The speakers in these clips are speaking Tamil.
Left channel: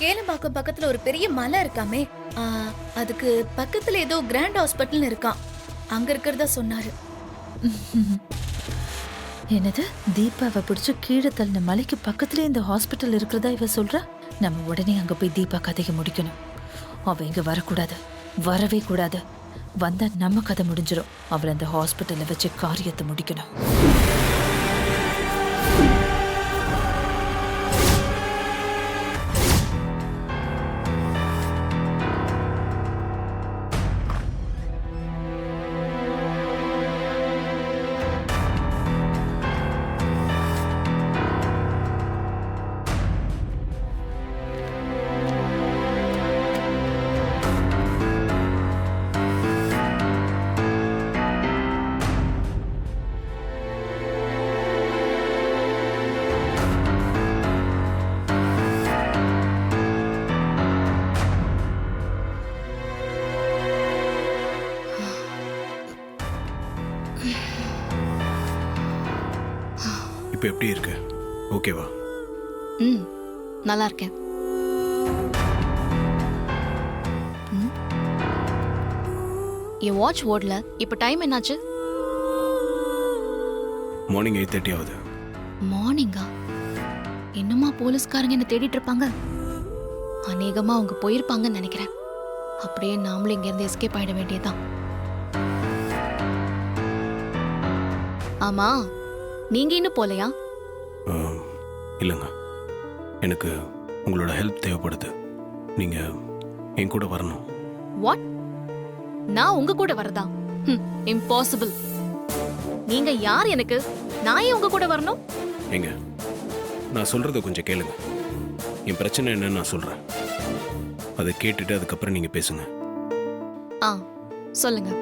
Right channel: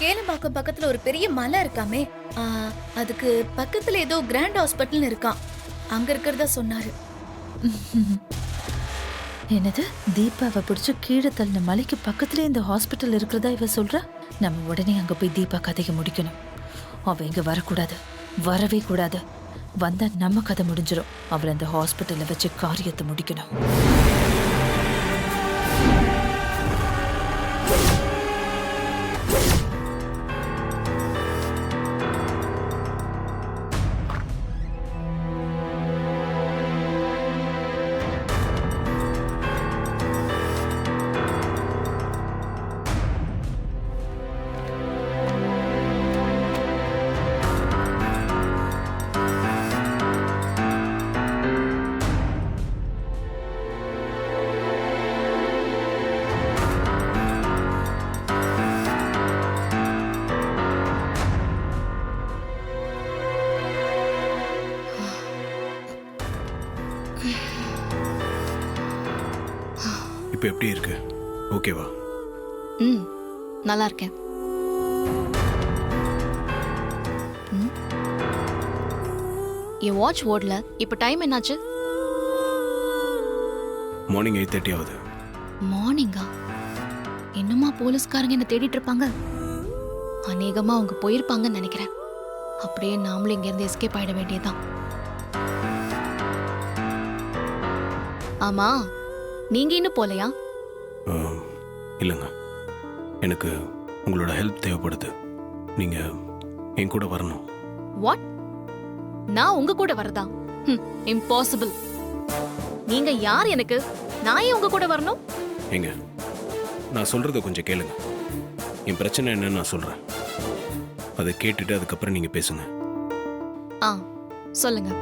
கேளம்பாக்கம் பக்கத்துல ஒரு பெரிய மலை இருக்காமே, ஆ, அதுக்கு பக்கத்துல ஏதோ கிராண்ட் ஹாஸ்பிட்டல் இருக்கான். அங்க இருக்கிறதா சொன்னாரு. என்னது, தீபாவை பிடிச்சு கீழே தள்ளின மலைக்கு பக்கத்துல இந்த ஹாஸ்பிட்டல் இருக்கிறதா இவ சொல்றா? நம்ம உடனே அங்க போய் தீபா கதையை முடிக்கணும். அவ இங்க வரக்கூடாது, வரவே கூடாது. வந்தா நம்ம கதை முடிஞ்சிடும். அவளை அந்த ஹாஸ்பிட்டல்ல வச்சு காரியத்தை முடிக்கணும். இப்போ எப்படி இருக்கு? ஓகேவா? நல்லா இருக்கேன். என் வாட்ச் ஓடல. இப்போ டைம் என்னாச்சு? மார்னிங் 8:30 ஆகுது. மார்னிங்கா? இன்னுமா போலீஸ்காரங்க என்ன தேடிட்டு இருப்பாங்க? அநேகமா அவங்க போயிருப்பாங்கன்னு நினைக்கிறேன். அப்படியே நாமளும் இங்க இருந்து எஸ்கேப் ஆயிட வேண்டியதுதான். ஆமா, நீங்க இன்னும் போலையா? இல்லைங்க, எனக்கு உங்களோட ஹெல்ப் தேவைப்படுது. நீங்க என் கூட வரணும். வாட்? நான் உங்க கூட வரதா? இம்பாசிபிள். நீங்க யார் எனக்கு? நான் ஏன் உங்க கூட வரணும்? ஏங்க, நான் சொல்றத கொஞ்சம் கேளுங்க. என் பிரச்சனை என்னன்னு நான் சொல்றேன். அதை கேட்டுட்டு அதுக்கப்புறம் நீங்க பேசுங்க. சொல்லுங்க.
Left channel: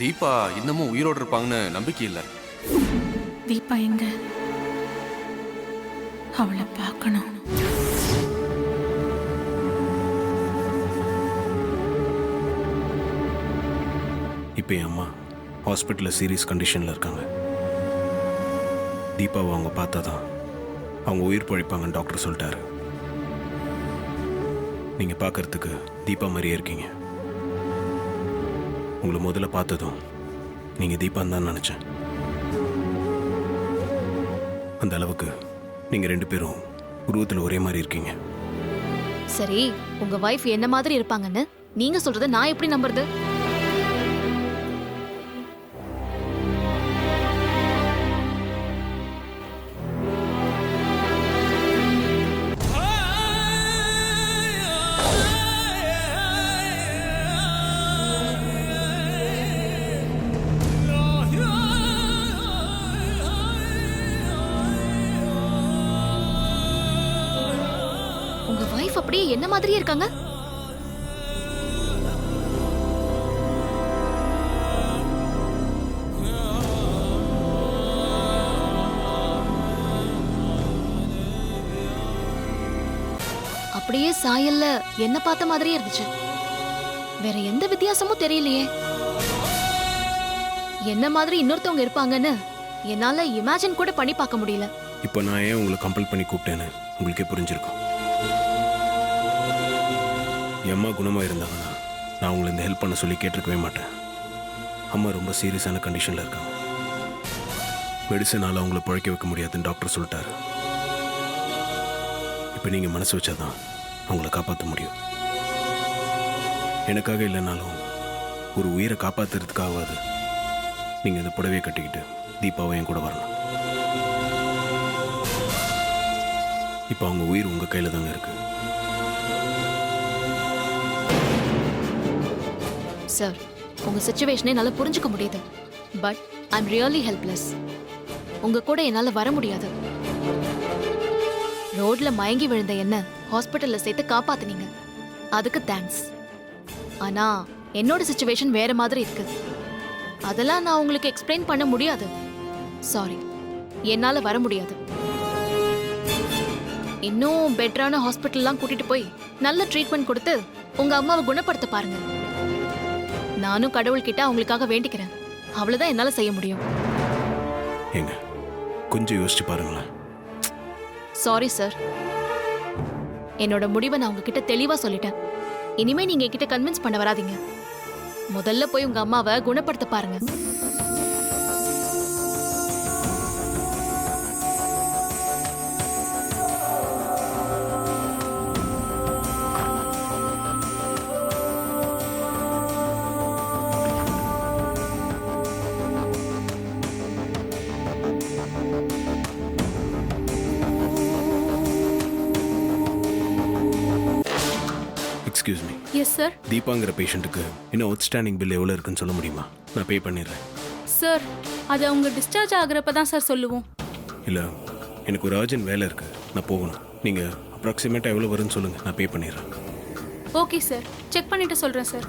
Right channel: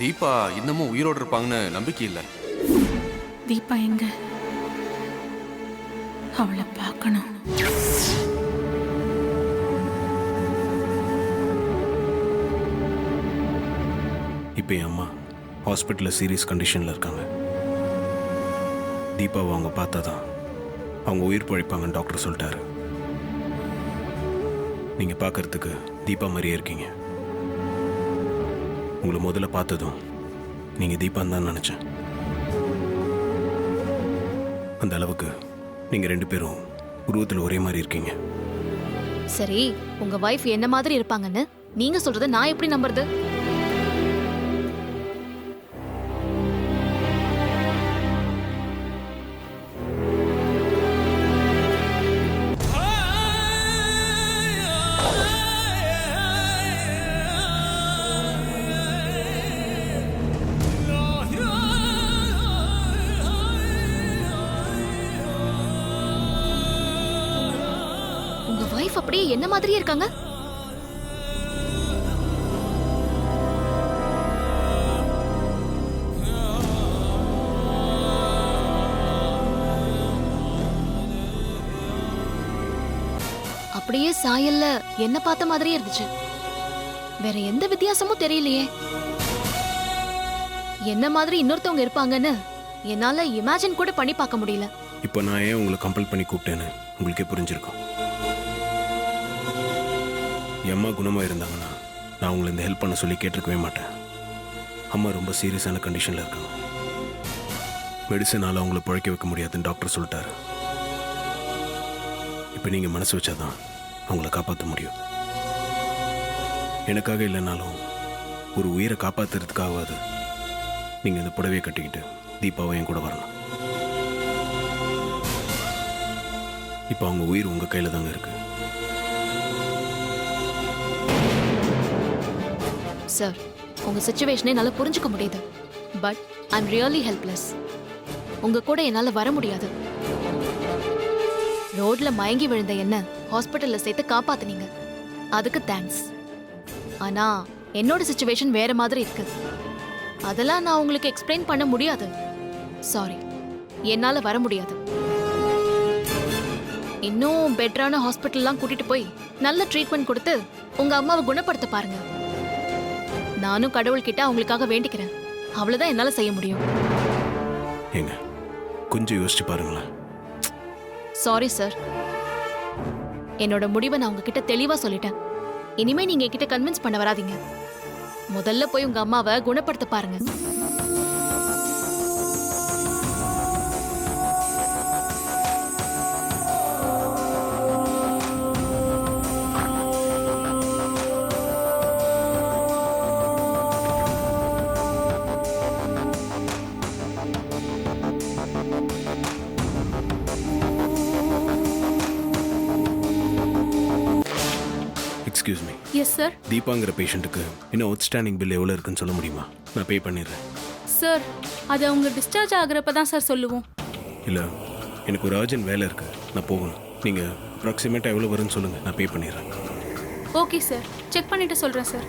தீபா இன்னமும் உயிரோடு இருப்பாங்கன்னு நம்பிக்கை இல்லை. தீபா எங்க? அவளை பார்க்கணும். இப்போ என் அம்மா ஹாஸ்பிட்டலில் சீரியஸ் கண்டிஷனில் இருக்காங்க. தீபாவை அவங்க பார்த்தா தான் அவங்க உயிர் பழிப்பாங்கன்னு டாக்டர் சொல்லிட்டாரு. நீங்கள் பார்க்கறதுக்கு தீபா மாதிரியே இருக்கீங்க. உங்களை முதல்ல பார்த்ததும் நீங்கள் தீபான்னு தான் நினச்சேன். அந்த அளவுக்கு நீங்கள் 2 பேரும் உருவத்தில் ஒரே மாதிரி இருக்கீங்க. சரி, உங்க வைஃப் என்ன மாதிரி இருப்பாங்கன்னு நீங்க சொல்றத நான் எப்படி நம்புறது? உங்க வைஃப் அப்படியே என்ன மாதிரியே இருக்காங்க. அப்படியே சாயல்ல என்ன பார்த்த மாதிரியே இருந்துச்சு. வேற எந்த வித்தியாசமும் தெரியலையே. என்ன மாதிரி இன்னொருத்தவங்க இருப்பாங்கன்னு என்னால இமேஜின் கூட பண்ணி பார்க்க முடியல. இப்போ நான் ஏன் உங்களை கம்பல் பண்ணி கூப்பிட்டேன்னு உங்களுக்கே புரிஞ்சிருக்கும். என் அம்மா குணமாக இருந்தாங்கன்னா நான் உங்களை இந்த ஹெல்ப் பண்ண சொல்லி கேட்டிருக்கவே மாட்டேன். அம்மா ரொம்ப சீரியஸான கண்டிஷனில் இருக்காங்க. மெடிசனால் அவங்கள பழைக்க வைக்க முடியாதுன்னு டாக்டர் சொல்லிட்டாரு. இப்போ நீங்கள் மனசு வச்சாதான் அவங்கள காப்பாற்ற முடியும். எனக்காக இல்லைனாலும் ஒரு உயிரை காப்பாற்றுறதுக்காகவாது நீங்கள் இந்த புடவையை கட்டிக்கிட்டு தீபாவை என் கூட வரணும். இப்போ அவங்க உயிர் உங்க கையில தாங்க இருக்கு. சார், உங்க சுச்சுவேஷனை என்னால புரிஞ்சுக்க முடியுது. But I am really helpless. உங்க கூட என்னால வர முடியாது. ரோட்ல மயங்கி விழுந்த என்ன ஹாஸ்பிட்டல்ல சேர்த்து காப்பாத்துனீங்க, அதுக்கு தேங்க்ஸ். ஆனா என்னோட சுச்சுவேஷன் வேற மாதிரி இருக்கு. அதெல்லாம் நான் உங்களுக்கு எக்ஸ்பிளைன் பண்ண முடியாது. சாரி, என்னால வர முடியாது. இன்னும் பெட்டரான ஹாஸ்பிட்டல்லாம் கூட்டிட்டு போய் நல்ல ட்ரீட்மெண்ட் கொடுத்து உங்க அம்மாவை குணப்படுத்த பாருங்க. நானும் கடவுள்கிட்ட அவங்களுக்காக வேண்டிக்கிறேன். அவ்வளவுதான் என்னால செய்ய முடியும். ஏங்க கொஞ்சம் யோசிச்சு பாருங்களேன். சாரி சார், என்னோட முடிவை நான் உங்ககிட்ட தெளிவா சொல்லிட்டேன். இனிமே நீங்க என்கிட்ட கன்வின்ஸ் பண்ண வராதீங்க. முதல்ல போய் உங்க அம்மாவை குணப்படுத்த பாருங்க. Excuse me. Yes sir. தீபாங்கிற பேஷண்ட்டுக்கு இன்னும் அவுட்ஸ்டாண்டிங் பில் எவ்வளோ இருக்குன்னு சொல்ல முடியுமா? நான் பே பண்ணிடுறேன். சார், அது அவங்க டிஸ்சார்ஜ் ஆகுறப்ப தான் சார் சொல்லுவோம். இல்லை, எனக்கு ஒரு அர்ஜென்ட் வேலை இருக்கு, நான் போகணும். நீங்கள் அப்ராக்சிமேட்டாக எவ்வளோ வரும்னு சொல்லுங்கள், நான் பே பண்ணிடுறேன். ஓகே சார், செக் பண்ணிட்டு சொல்கிறேன் சார்.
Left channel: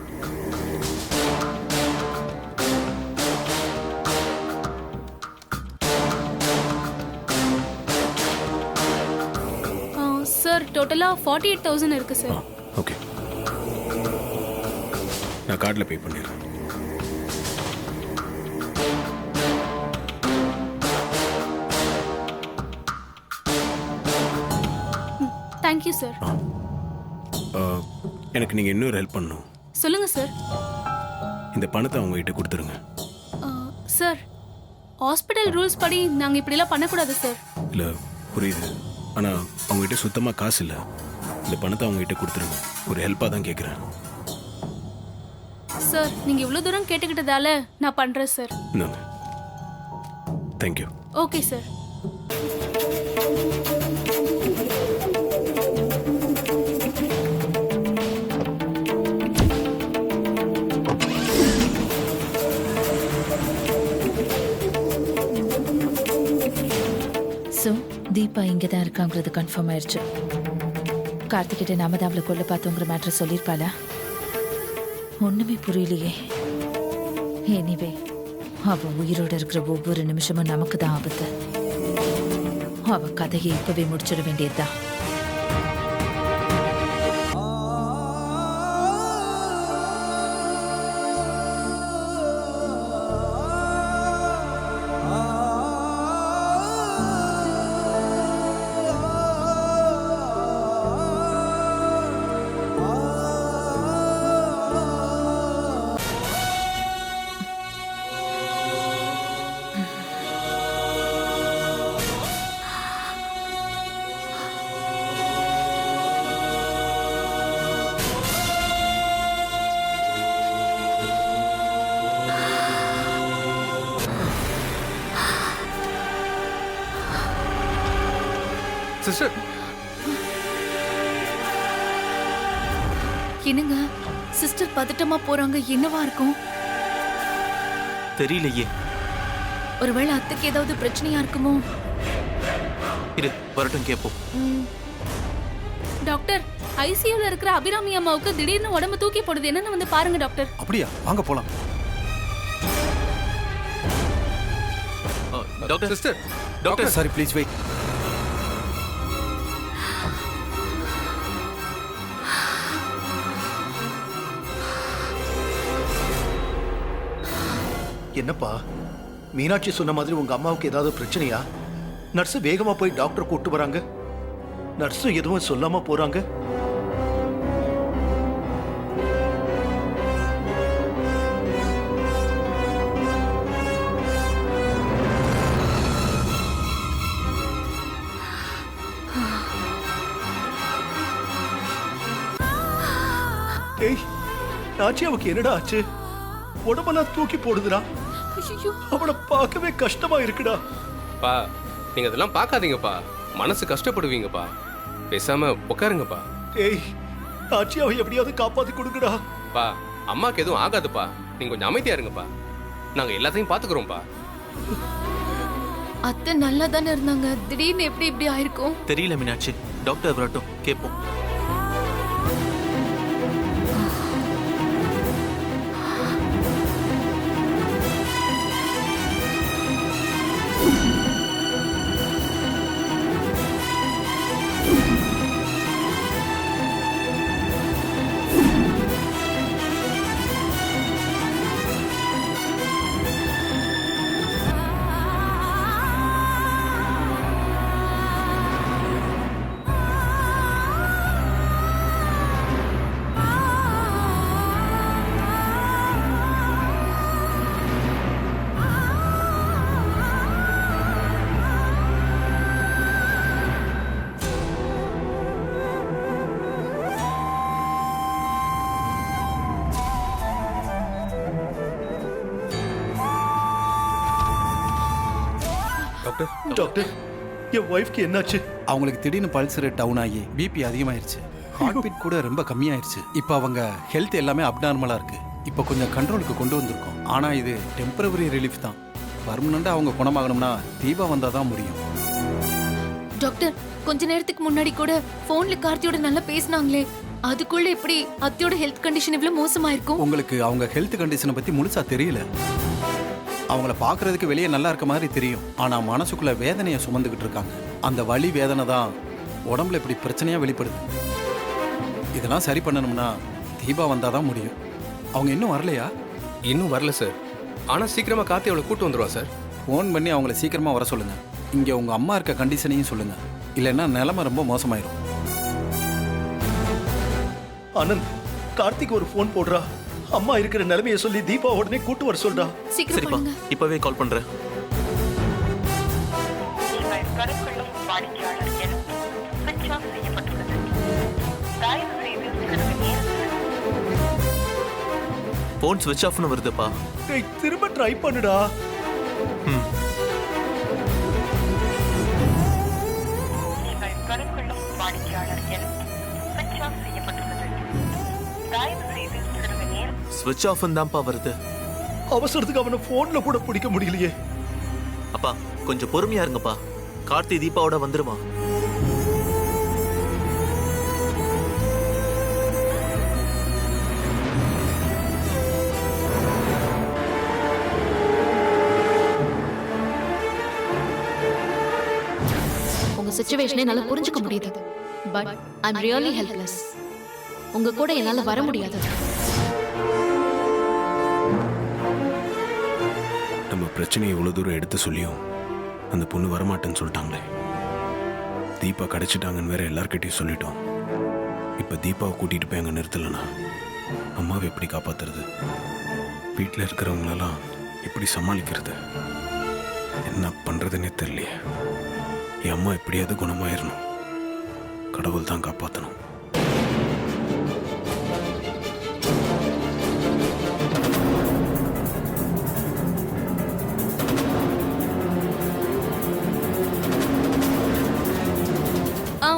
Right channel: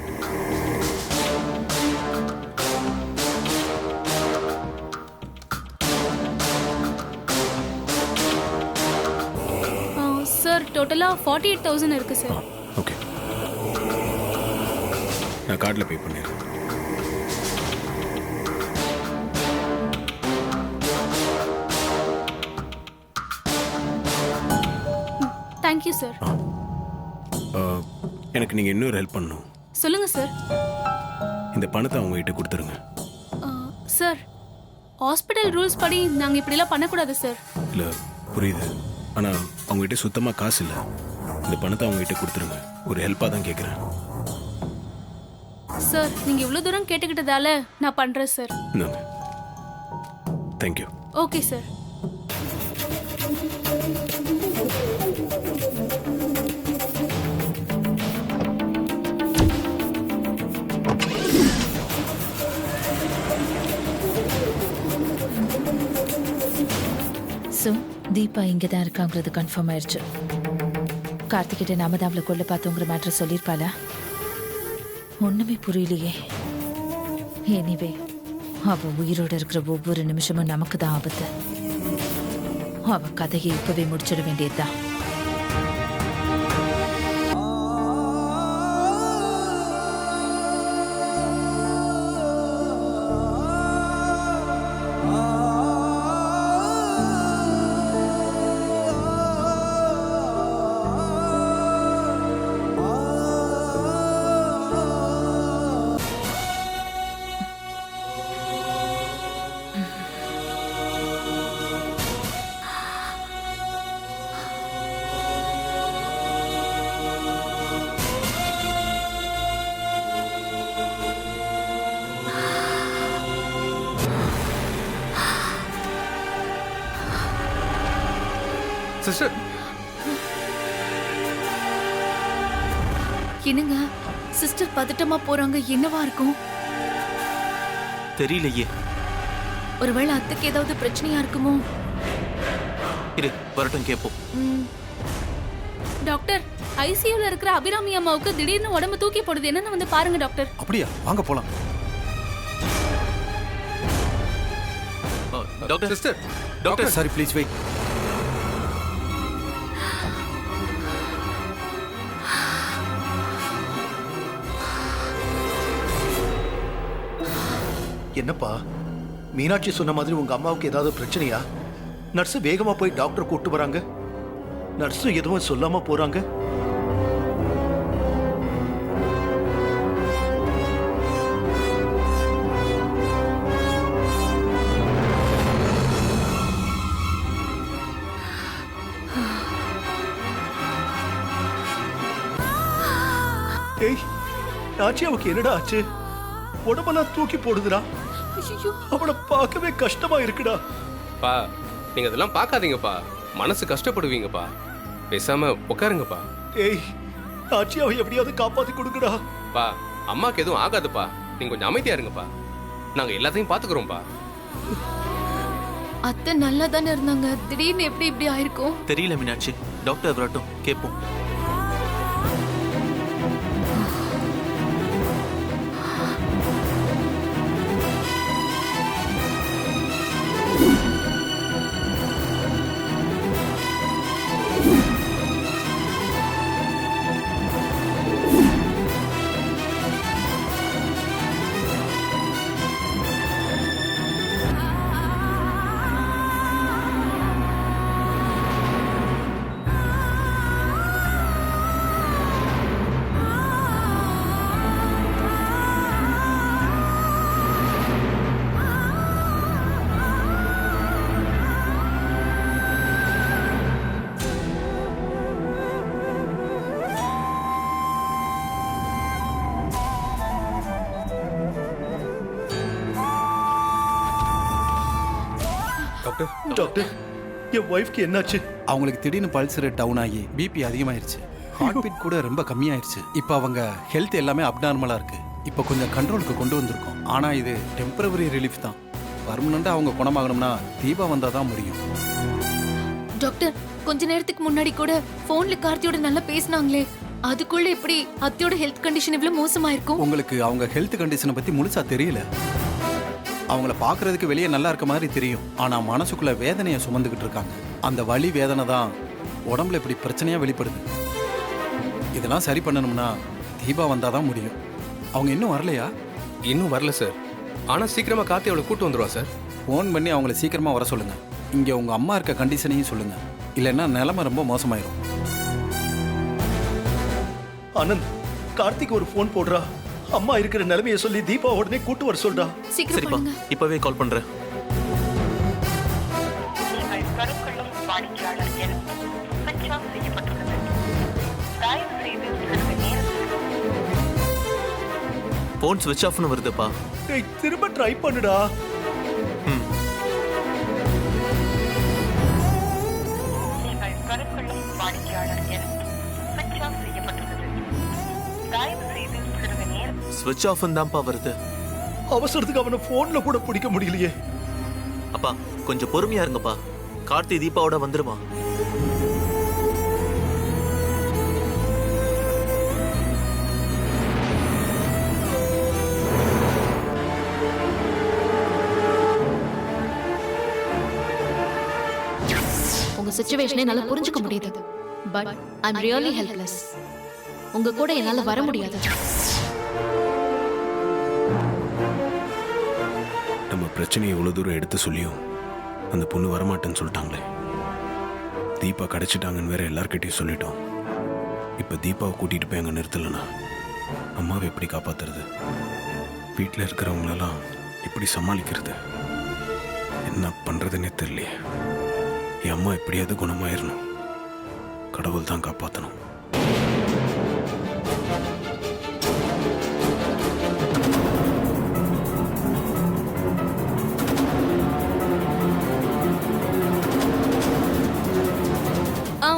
சார், டோட்டலாக 48,000 இருக்கு ஆ சார். ஓகே, நான் கார்டில் பே பண்ணிடுறேன். Thank you sir. எனக்கு நீங்கள் இன்னொரு ஹெல்ப் பண்ணணும். சொல்லுங்க சார். இந்த பணத்தை அவங்ககிட்ட கொடுத்துருங்க. சார், ஹாஸ்பிட்டல் ரூல்ஸ் படி நாங்கள் இப்படிலாம் பண்ணக்கூடாது சார். இல்லை புரியுது, ஆனால் அவங்ககிட்ட சுத்தமாக காசு இல்லை. இந்த பணத்தை அவங்ககிட்ட கொடுத்துருங்க. ஒரு ஹெல்ப்பாக தான் கேட்குறேன். சார், நீங்கள் இவ்வளோ தூரம் கேட்டுக்கிட்டதால நான் பண்ணுறேன் சார். இந்தாங்க. Thank you. Okay sir. So Deepa இங்கே தான் இருக்காங்கிறது கன்ஃபார்ம் ஆயிடுச்சு. கார்த்திகிட்ட நாம தான் அவளை கொல்ல பார்த்தோங்கிற மேட்ரை சொல்லியிருப்பாளா? ஒன்றுமே புரியலையே. எனிவே, அவ உயிரோட இருக்கிற ஒவ்வொரு நிமிஷமும் நமக்கு தான் ஆபத்து. அவ கதையை இப்பவே முடிச்சிட வேண்டியதுதான். சிஸ்டர், என்னங்க சிஸ்டர் பதட்டமா போறாங்க, என்னவா இருக்கும்? தெரியலையே. ஒருவேளை அத்தைக்கு ஏதாவது பிரச்சனையா இருக்குமோ? இரு, வரட்டும் கேட்போம். டாக்டர், ஐசியூல இருக்கிற அபிராமி அம்மாவுக்கு திடீர்னு உடம்பு தூக்கி போடுது, என்னன்னு வந்து பாருங்க டாக்டர். அப்படியா? வாங்க போலாம். Doctor, sister, doctor, sorry, please wait. என்னப்பா, மீனாட்சி சொன்ன மாதிரி உங்க அம்மாவுக்கு ஏதாவது பிரச்சனையா? நர்ஸ் வேகமா போய் டாக்டர் கூட்டு வராங்க. நர்ஸ் எதுவும் சொல்லாம போறாங்க. ஏய், நாச்சியாவுக்கு என்னடா ஆச்சு? உடம்பெல்லாம் தூக்கி போடுதுடா. அவளை பார்க்கவே கஷ்டமா இருக்குடா. பா, நீங்க அதெல்லாம் பார்க்காதீங்கப்பா, மனசு கஷ்டப்படுவீங்கப்பா. பேசாம உட்காருங்கப்பா. ஏய் நாச்சியாவை எப்படியாவது காப்பாத்தி கொடுங்கடா. பா அம்மாக்கு எதுவும் ஆகாதுப்பா, நீங்க கொஞ்சம் அமைதியா இருங்கப்பா. நாங்க எல்லாத்தையும் பாத்துக்கிறோம்ப்பா. அத்தை நல்லா தானே இருந்தாங்க, திடீர்னு எப்படி இப்படி ஆயிருக்கும்? தெரியல மீனாட்சி, டாக்டர் வரட்டும் கேட்போம். டாக்டர், டாக்டர் என் ஒய்ஃப்க்கு என்னாச்சு? அவங்களுக்கு திடீர்னு பல்ஸ் ரேட் டவுன் ஆகி பிபி அதிகமாயிருச்சு. ஹார்ட் பீட் கூட ரொம்ப கம்மியாயிருச்சு. இப்போ அவங்க ஹெல்த் எல்லாமே அப்நார்மலா இருக்கு. இப்போ கொஞ்சம் கண்ட்ரோலுக்கு கொண்டு வந்திருக்கோம். ஆனா இது டெம்பரவரி ரிலீஃப் தான். பர்மனண்டா அவங்க குணமாகணும்னா தீபா வந்தா தான் முடியும். டாக்டர், கொஞ்ச நேரத்துக்கு முன்னாடி கூட போன்ல கார்த்தியோட நல்லா பேசினாங்களே, அதுக்குள்ள எப்படி அத்தையோட ஹெல்த் கண்டிஷன் இவ்வளவு மோசமா இருக்கும்? உங்களுக்கு அவங்க ஹெல்த் கண்டிஷனை பத்தி முழுசா தெரியல. அவங்கள பார்க்கறதுக்கு வெளியே நல்லா இருக்க மாதிரி தெரியும், ஆனா மனசுக்குள்ள வேதனையை சுமந்துக்கிட்டு இருக்காங்க. அந்த வலி வேதனை தான் உடம்புல இப்படி பிரச்சனையா வெளிப்படுது. இதெல்லாம் சரி பண்ணணும்னா தீபா வந்தாதான் முடியும். அவங்க இன்னும் வரலையா? இன்னும் வரல சார். ஆனா சீக்கிரமா கார்த்தி அவளை கூட்டு வந்துருவா சார். ஃபோன் பண்ணி அவங்கள சீக்கிரமா வர சொல்லுங்க. இங்க உங்க அம்மா இருக்க கண்டிஷனையும் சொல்லுங்க, இல்லைன்னா நிலைமை ரொம்ப மோசமாயிரும். ஆனந்த், கார்த்திக் ஒரு ஃபோன் போடுறா. அம்மா இருக்கிற நிலைமையை சொல்லி தீபா உடனே கூட்டு வர சொல்றா. சீக்கிரம் சரிப்பா, பண்ணுங்க. இப்பவே கால் பண்றேன். போன் ஸ்விட்ச் ஆஃப்னு வருதுப்பா. டேய், திரும்ப ட்ரை பண்ணுடா. ம். ஸ்விட்ச் ஆஃப் தான்ப்பா வருது. அவசரத்துக்கு அவனை போன்ல கூட பிடிக்க முடியலையே. அப்பா கொஞ்சம் பொறுமையா இருங்கப்பா. கார்த்தி தீபாவோட வந்துருமா? உங்க சிச்சுவேஷனை என்னால புரிஞ்சுக்க முடியுது. But I am really helpless. உங்க கூட என்னால வர முடியாது. நம்ம பிரச்சனையை இவ்வளோ தூரம் எடுத்து சொல்லியும் அந்த பொண்ணு வரமாட்டேன்னு சொல்லிட்டாங்களே. தீபா கிடைச்சிட்டாங்கன்னு வேற எல்லார்கிட்டையும் சொல்லிட்டோம். இப்போ தீபாவை கூட்டிகிட்டு போய் அங்கே நிறுத்தலைன்னா அம்மாவை எப்படி காப்பாத்துறது? வீட்டில் இருக்கிறவங்களெல்லாம் எப்படி சமாளிக்கிறது? என்ன பண்ணுறதுன்னே தெரியலையே. என் அம்மா எப்படியாவது குணமாயிரணும். கடவுள் தான் காப்பாற்றணும்.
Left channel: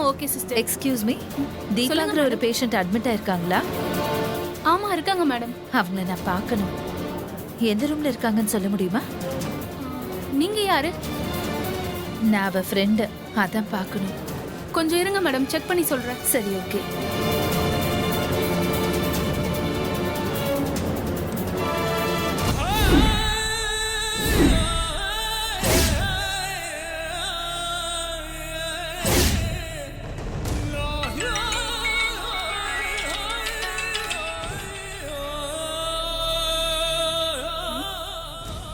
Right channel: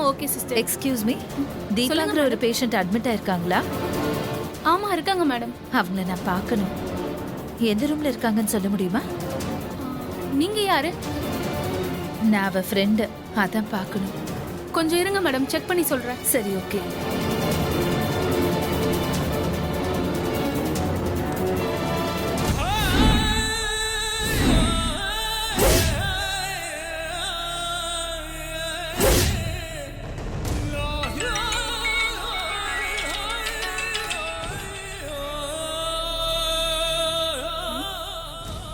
Okay sister. எக்ஸ்கியூஸ் மீ, தீபாங்கிற ஒரு பேஷண்ட் அட்மிட் ஆயிருக்காங்களா? ஆமா இருக்காங்க மேடம். அவங்கள நான் பார்க்கணும். எந்த ரூம்ல இருக்காங்கன்னு சொல்ல முடியுமா? நீங்க யாரு? நான் அவ ஃப்ரெண்டு, அதான் பார்க்கணும். கொஞ்சம் இருங்க மேடம், செக் பண்ணி சொல்றேன். சரி, ஓகே.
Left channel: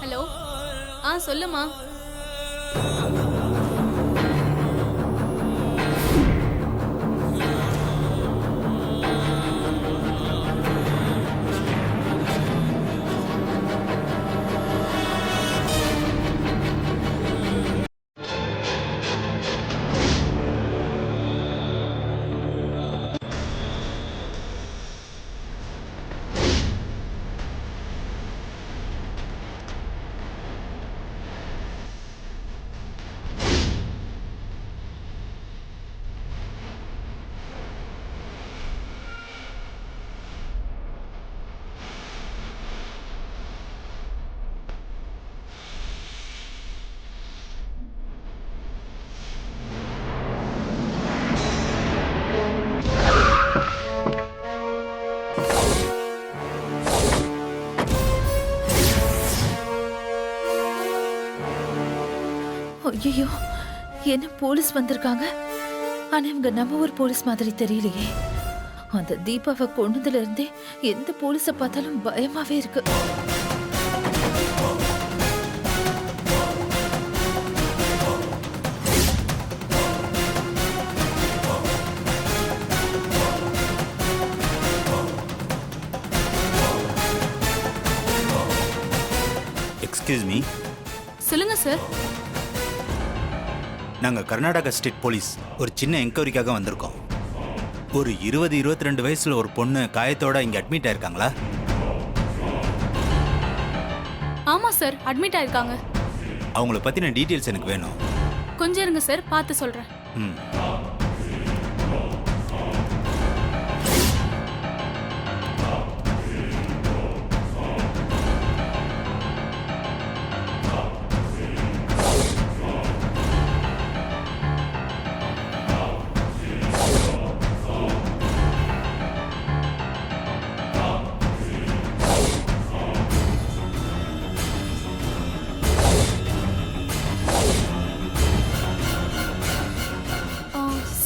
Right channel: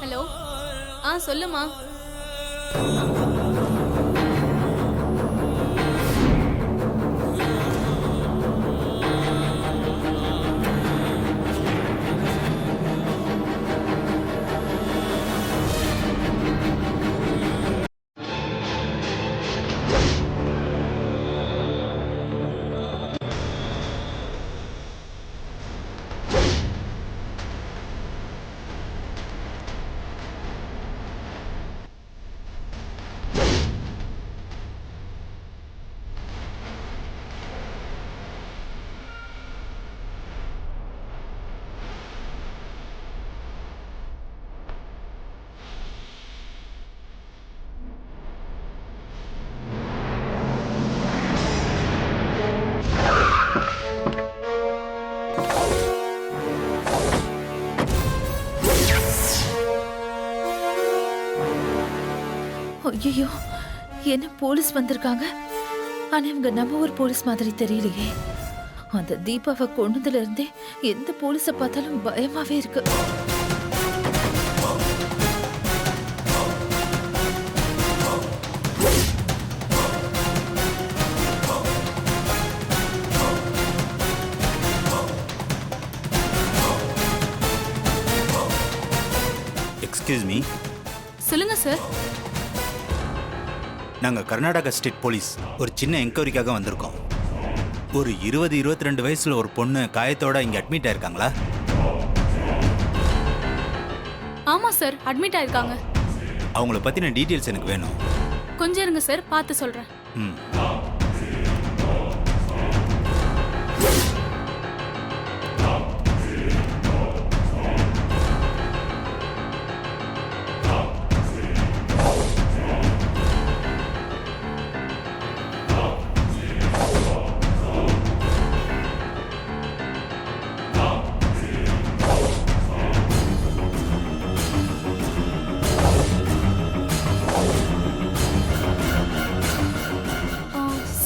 ஹலோ. சொல்லுமா. ஐயோ, என்ன போலீஸ் வந்திருக்காங்க? ஆனா இவங்க நம்ம ஊர் போலீஸ் மாதிரி தெரியலையே. அந்த தீபாவை கொன்னதுல இருந்தே எந்த போலீஸை பார்த்தாலும் பயமாவே இருக்கு. எக்ஸ்கியூஸ் மீ, சொல்லுங்க சார். நாங்கள் கர்நாடகா ஸ்டேட் போலீஸ் ஒரு சின்ன என்கொயரிக்காக வந்திருக்கோம். ஒரு 22 வயசுல ஒரு பொண்ணு காயத்தோட இங்கே அட்மிட் ஆயிருக்காங்களா? ஆமா சார், அட்மிட் ஆயிருக்காங்க. அவங்கள பற்றின டீட்டெயில்ஸ் எனக்கு வேணும். கொஞ்சம் இருங்க சார், பார்த்து சொல்றேன். ம்.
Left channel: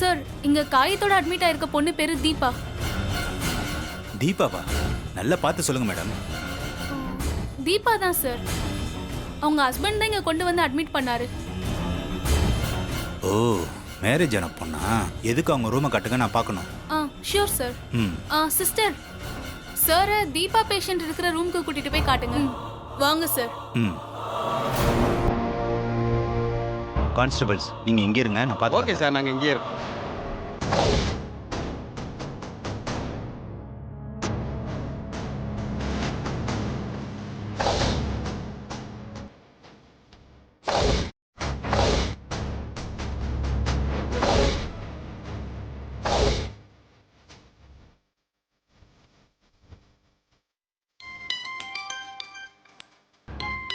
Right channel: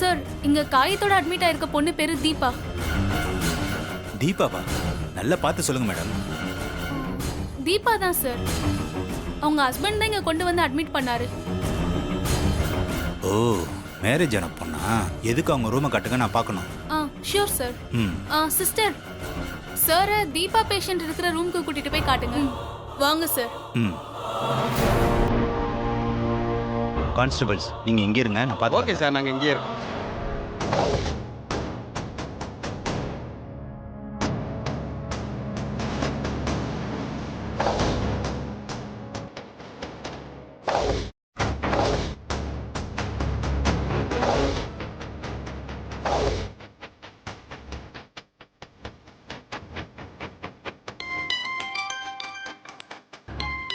சார், இங்க காயத்தோட அட்மிட் ஆயிருக்க பொண்ணு பேரு தீபா. தீபாவா? நல்லா பார்த்து சொல்லுங்க மேடம். தீபா தான் சார். அவங்க ஹஸ்பண்ட் தான் இங்க கொண்டு வந்து அட்மிட் பண்ணாரு. ஓ, மேரேஜ் ஆன பொண்ணா? எதுக்கு அவங்க ரூமை கட்டுங்க, நான் பார்க்கணும். Sure sir. ம். சிஸ்டர், சார் தீபா பேஷண்ட் இருக்கிற ரூமுக்கு கூட்டிட்டு போய் காட்டுங்க. வாங்க சார். ம். கான்ஸ்டபிள்ஸ், நீங்கள் இங்கே இருங்க, நான் பார்த்து. ஓகே சார், நாங்கள் இங்கே இருக்கோம்.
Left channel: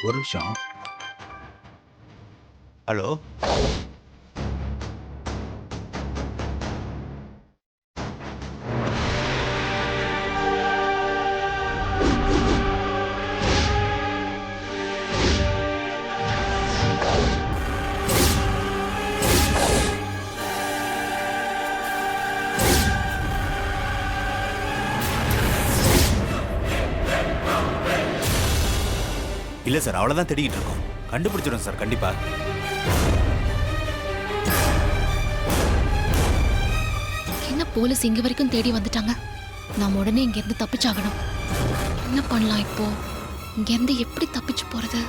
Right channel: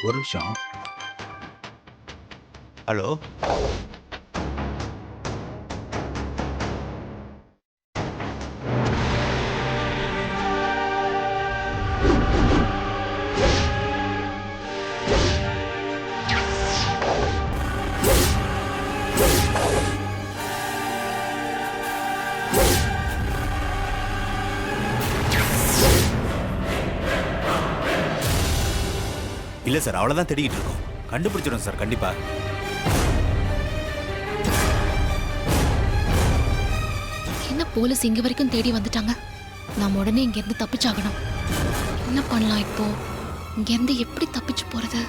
ஒரு நிமிஷம். ஹலோ, இல்லை சார், அவ்வளோதான் தேடிக்கிட்டு இருக்கோம். கண்டுபிடிச்சிடும் சார், கண்டிப்பாக. என்ன போலீஸ் இங்க வரைக்கும் தேடி வந்துட்டாங்க? நாம உடனே இங்க இருந்து தப்பிச்சாகணும். என்ன பண்ணலாம் இப்போ? இங்க இருந்து எப்படி தப்பிச்சு போறது?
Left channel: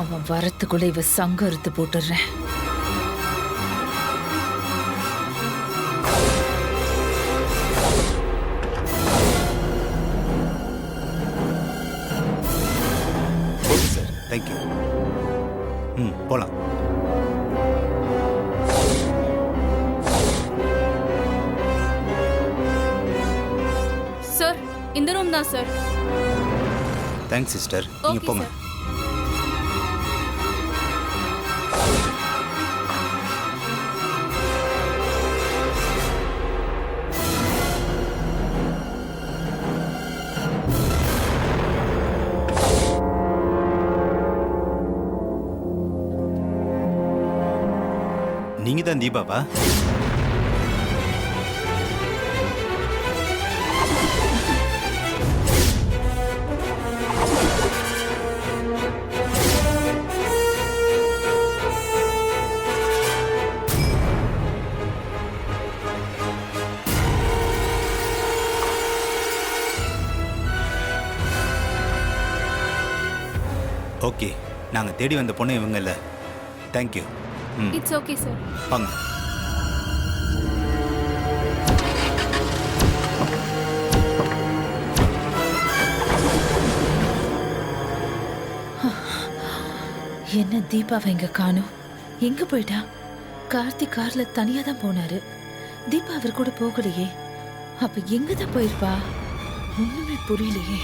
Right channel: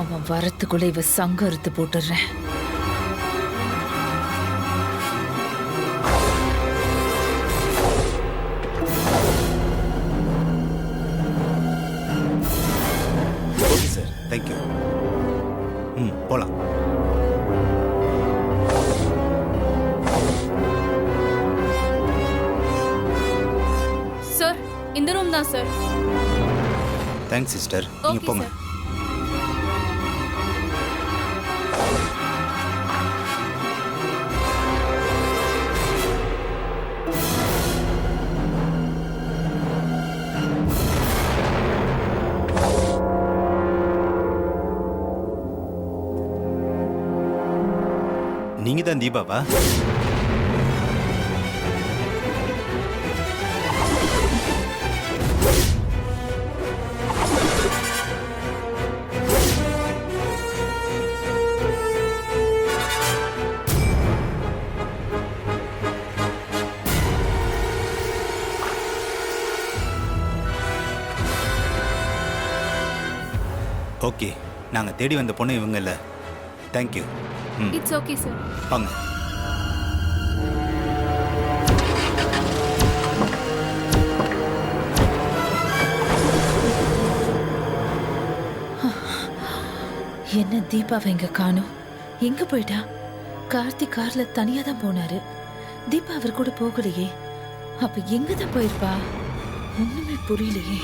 அவன் வரத்துக்குள்ள இவ சங்க அறுத்து போட்டுடுறேன். Okay sir, thank you. ம், போகலாம். சார், இந்த ரூம் தான் சார். தேங்க்ஸ் சிஸ்டர், நீங்கள் ஓகே போங்க. சார். நீங்கள் தான் தீபாவா? ஓகே, நாங்கள் தேடி வந்த பொண்ணு இவங்க இல்லை. தேங்க்யூ. ம் இட்ஸ் ஓகே சார். வாங்க. என்ன தீபாவை இங்க காணோம்? எங்க போயிட்டா? கார்த்திக் கார்ல தனியா தான் போனாரு. தீபா அவர் கூட போகலையே. அப்ப எங்க தான் போயிருப்பா? ஒண்ணுமே புரியலையே.